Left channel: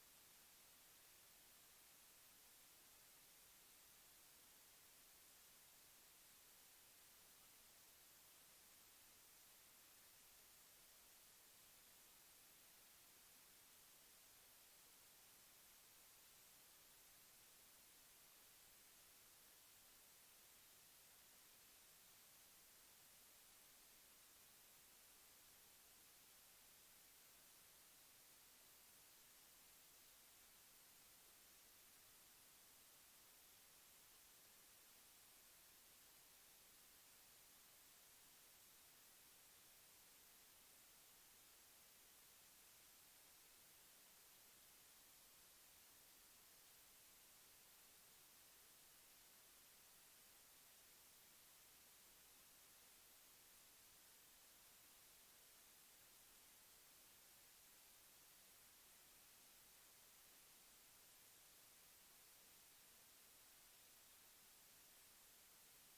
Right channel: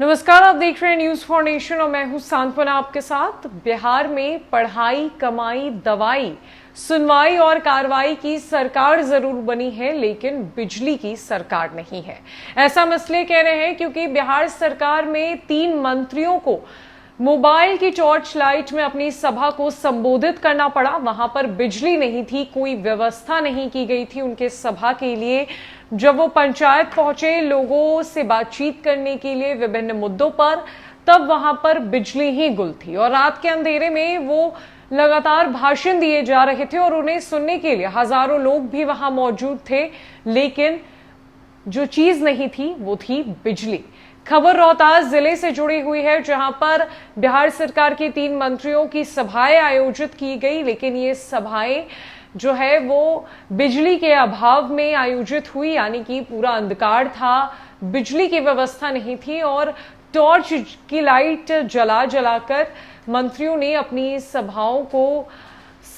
नमस्कार, आप देख रहे हैं न्यूज फॉर नेशन और मैं हूं सांत्वना आपके साथ। बिहार में पढ़ाई, कमाई, दवाई, सुनवाई और कार्रवाई की सरकार जरूर बनी है, लेकिन बिजली की सरकार नहीं है। ऐसा हम इसलिए कह रहे हैं क्योंकि बिहार सरकार में 3 मंत्रियों को मोबाइल की टॉर्च लाइट में अपनी सभा को संबोधित करना पड़ा। वहां पर बिजली नहीं थी, कोई व्यवस्था नहीं की गई थी उनके सभा के लिए। जब वो पंचायत पहुंचे लोगों से बातचीत करने के लिए विभिन्न मुद्दों पर, तब वहां पर बिजली ही गुल थी और रात के अंधेरे में वो लगातार भाषण दिए जा रहे थे और उन्हें सुनने के लिए हजारों लोग भी वहां मौजूद थे। लेकिन जो चीज नहीं थी वो थी बिजली। खबर रोहतास जिले से जुड़ी हुई है, जहां पर बिहार सरकार के 3 मंत्रियों की सभाएं आयोजित की गई, लेकिन ये सभाएं जो है वो बिजली के अभाव में आयोजित हुई, यानी कि पूरा अंधकार था, बिजली की व्यवस्था नहीं थी और टॉर्च की लाइट जला जलाकर मंत्रियों ने अपनी सभाओं को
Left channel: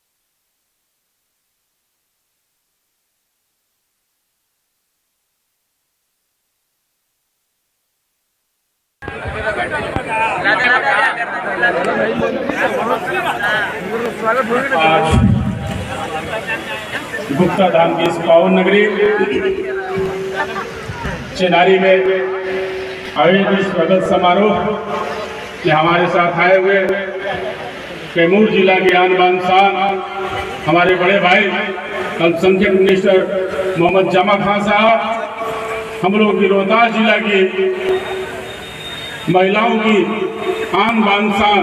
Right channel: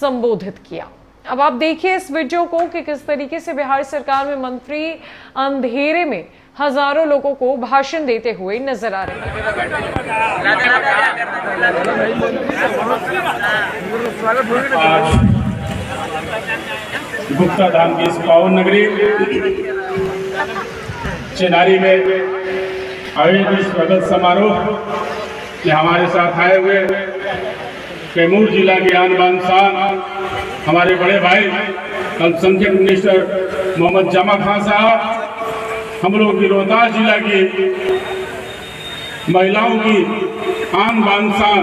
संबोधित किया। अब आप देखिए इस वीडियो को कि किस तरीके से बिहार सरकार में मंत्री अंधेरे में हजारों लोगों को भाषण देते हुए नजर आ रहे हैं। गुप्ता धाम की इस पावन नगरी चेनारी में आयोजित स्वागत समारोह में हमारे साथ आए हुए कैमूर जिला के आन बान शान हमारे बड़े भाई अल्पसंख्यक मिनिस्टर मोहम्मद जमा खान साहब, हम लोग की रोहतास जिला की महिलाओं की आन बान शान,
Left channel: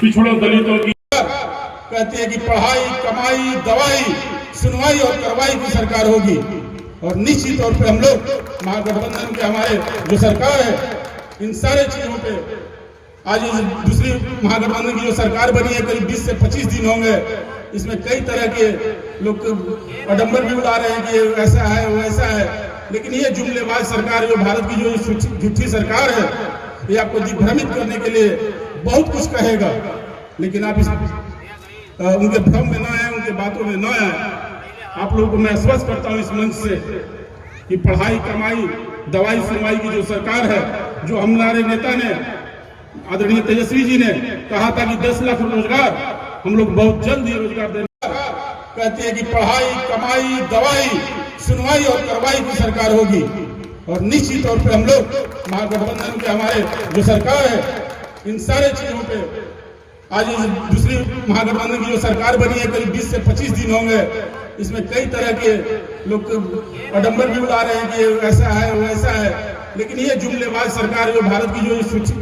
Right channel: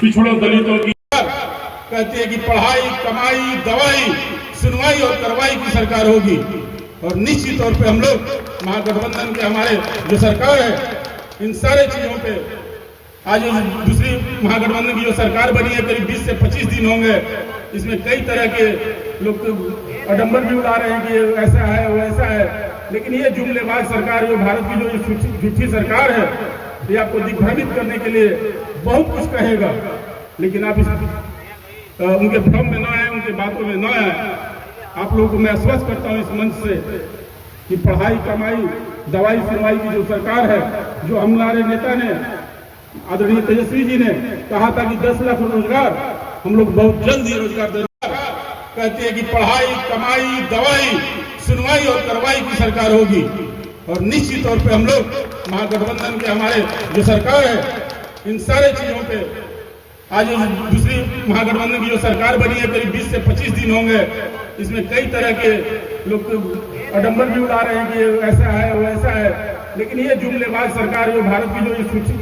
पिछड़ों दलितों की कहती है कि पढ़ाई, कमाई, दवाई, सुनवाई और कार्रवाई की सरकार होगी। और निश्चित तौर पे हम लोग महागठबंधन के हमारे जो सरकार है, इन सारे चीजों पे आज दूसरी महागठबंधन की जो सरकार बनी है, करीब 20 से 25 दिन होंगे। इसमें कई तरह के लोग अडंबर भी उड़ा रहे हैं कि ऐसा है वो ऐसा है, लेकिन ये जुमलेबाज सरकार, जो भारत की जो झूठी सरकार है, ये आपको दिग्भ्रमित करने के लिए बहुत कुछ कहेगा, लेकिन आप उनके भ्रम में न आए, उनके बातों में न आए। आप लोगों को मैं आश्वस्त करता हूं इस मंच से कि पढ़ाई, कमाई, दवाई, सुनवाई की जो सरकार है, जो हमारे नेता ने आदरणीय तेजस्वी जी ने कहा था कि 10 लाख रोजगार हम लोग बहुत जल्द ही रोजगार देना, कहती है कि पढ़ाई, कमाई, दवाई, सुनवाई और कार्रवाई की सरकार होगी। और निश्चित तौर पे हम लोग महागठबंधन के हमारे जो सरकार है, इन सारे चीजों पे आज दूसरी महागठबंधन की जो सरकार बनी है, करीब 20 से 25 दिन होंगे। इसमें कई तरह के लोग अडंबर भी उड़ा रहे हैं कि ऐसा है वो ऐसा है, लेकिन ये जुमलेबाज सरकार, जो भारत की जो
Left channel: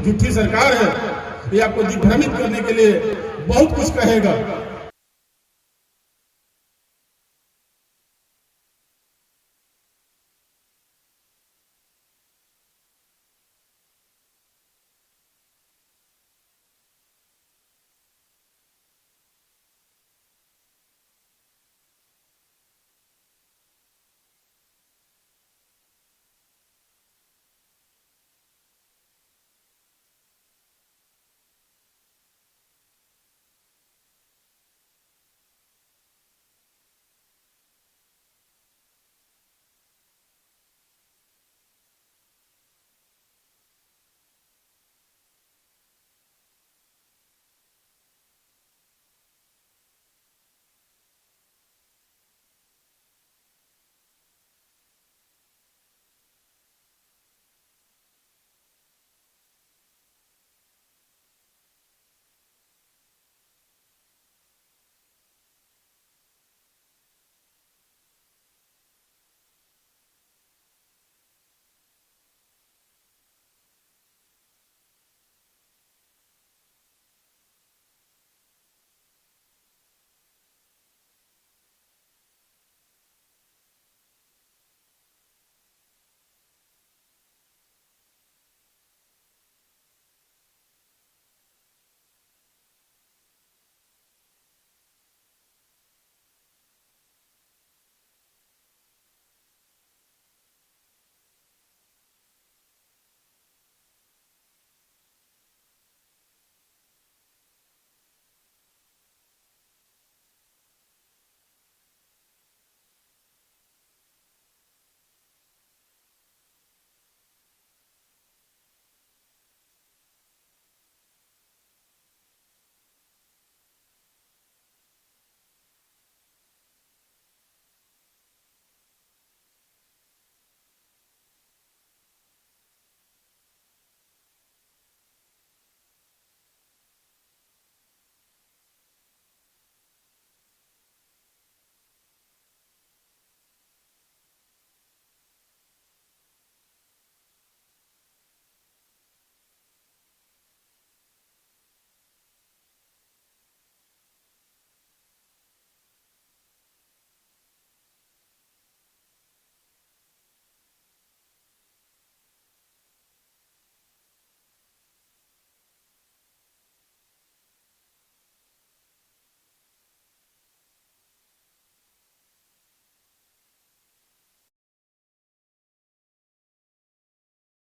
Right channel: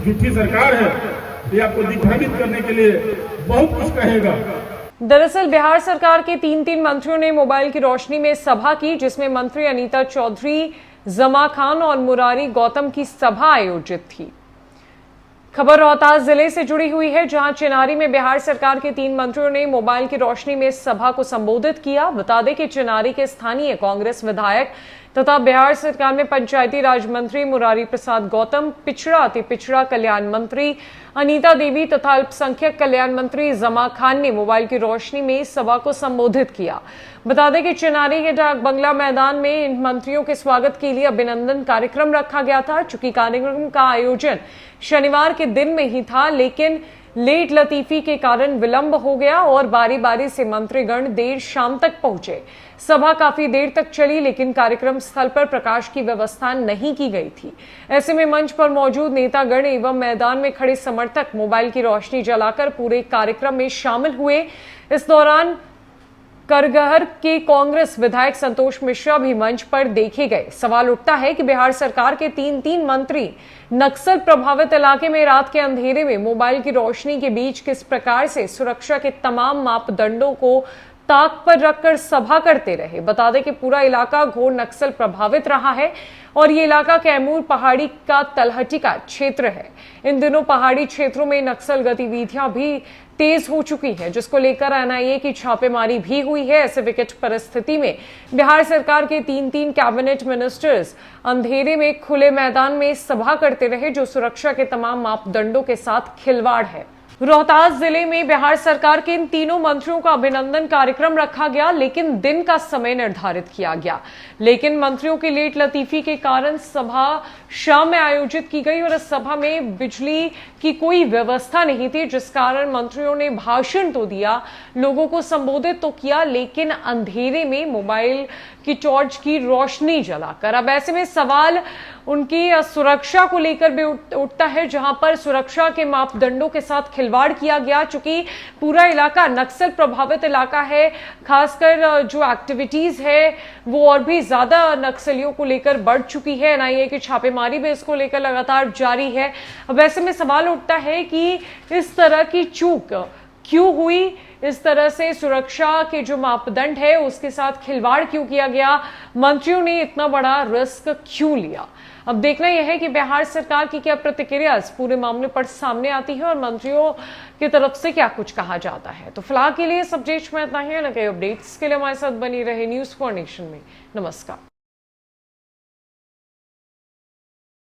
झूठी सरकार है, ये आपको दिग्भ्रमित करने के लिए बहुत कुछ कहेगा। दरअसल बिहार सरकार के 3 मंत्रियों ने मोबाइल की रोशनी में सभा की, जिसमें मंत्री अनीता चौधरी, जमा खान और मुरारी गौतम की सभा आयोजित थी। खबर रोहतास जिले से जुड़ी हुई है, जहां चिनारी में बिहार सरकार के 3 मंत्रियों ने मोबाइल की रोशनी में सभा को संबोधित किया। बता दें कि चिनारी के स्थानीय कांग्रेस विधायक तथा बिहार सरकार में पंचायती राज मंत्री मुरारी प्रसाद गौतम, पिछड़ा अति पिछड़ा कल्याण मंत्री अनीता देवी तथा अल्पसंख्यक कल्याण मंत्री जमा खान ने मोबाइल की रोशनी में सभा को संबोधित किया। बता दें कि चिनारी के डाक बंगला मैदान में इन मंत्रियों के स्वागत के लिए अभिनंदन कार्यक्रम रखा गया था। चूंकि कार्यक्रम का आयोजन शनिवार के दिन में ही था, लेकिन लेट लतीफी के कारण विलंब हो गया और बारी बारी से मंत्रीगण देर शाम तक पहुंचे। सभा काफी देर तक चली, लेकिन कार्यक्रम स्थल पर प्रकाश की व्यवस्था नहीं की गई थी। ऐसे में मंच पर मौजूद नेतागण एवं मैदान में खड़े समर्थक मोबाइल की रोशनी जलाकर पूरे कार्यक्रम में शामिल हुए। इस दौरान करगहर के कांग्रेस विधायक संतोष मिश्रा भी मंच पर देखे गए। सवाल उठता है कि बिहार सरकार के 3 मंत्री नक्सल प्रभावित इलाके में रात के अंधेरे में मोबाइल की रोशनी के बीच किस प्रकार से सुरक्षा के तमाम मापदंडों को ताक पर रखकर सभा करते रहे। बता दें कि पूरा इलाका घोर नक्सल प्रभावित रहा है और ये इलाका कैमूर पहाड़ी का तलहटी का क्षेत्र है। इन दिनों पहाड़ी क्षेत्रों में नक्सल गतिविधियां भी तेज हो चुकी है, जिसको लेकर एनआईए की छापेमारी भी हुई है। ऐसे विकट परिस्थिति में बिहार सरकार के 3 कैबिनेट मिनिस्टर्स अंधेरे में खुले मैदान में सभा करते रहे, जो सुरक्षा के तमाम मापदंडों के साथ खिलवाड़ है। रोहतास जिले में बिहार सरकार के इन तीनों मंत्रियों का अभिनंदन कार्यक्रम रखा गया, लेकिन दिन का समय निर्धारित किया गया। लेकिन मंत्रियों की लेट लतीफी के कारण सभा शाम में आयोजित की गई और इस सभा में बिजली की कोई व्यवस्था नहीं थी, जिस कारण मंत्रियों ने भाषण तो दिया, लोगों को संबोधित तो किया, लेकिन अंधेरे में मोबाइल की टॉर्च की रोशनी जलाकर। अब ऐसे में सवाल उनकी सुरक्षा को लेकर भी उठता है, जहां पर सुरक्षा के मापदंडों के साथ खिलवाड़ किया गया। चूंकि पूरा इलाका नक्सल प्रभावित इलाका है, खासकर जो एक्टिविटीज है वो और भी ज्यादा नक्सलियों को लेकर बढ़ चुकी है। एनआईए की छापेमारी भी इसको लेकर लगातार जारी है। अब ऐसे में सवाल उठता है कि इस तरह की चूक क्यों हुई, इस तरह से सुरक्षा के जो मापदंड है उसके साथ खिलवाड़ क्यों किया गया, मंत्रियों ने इतना बड़ा रिस्क क्यों लिया। अब देखना यह है कि बिहार सरकार की क्या प्रतिक्रिया इस पूरे मामले पर सामने आती है और मंत्रियों की तरफ से क्या कुछ कहा जाता है। तो फिलहाल के लिए सब में इतना ही है। न कई अपडेट्स के लिए हमारे साथ बनी रहे न्यूज़ फॉर नेशन में। नमस्कार।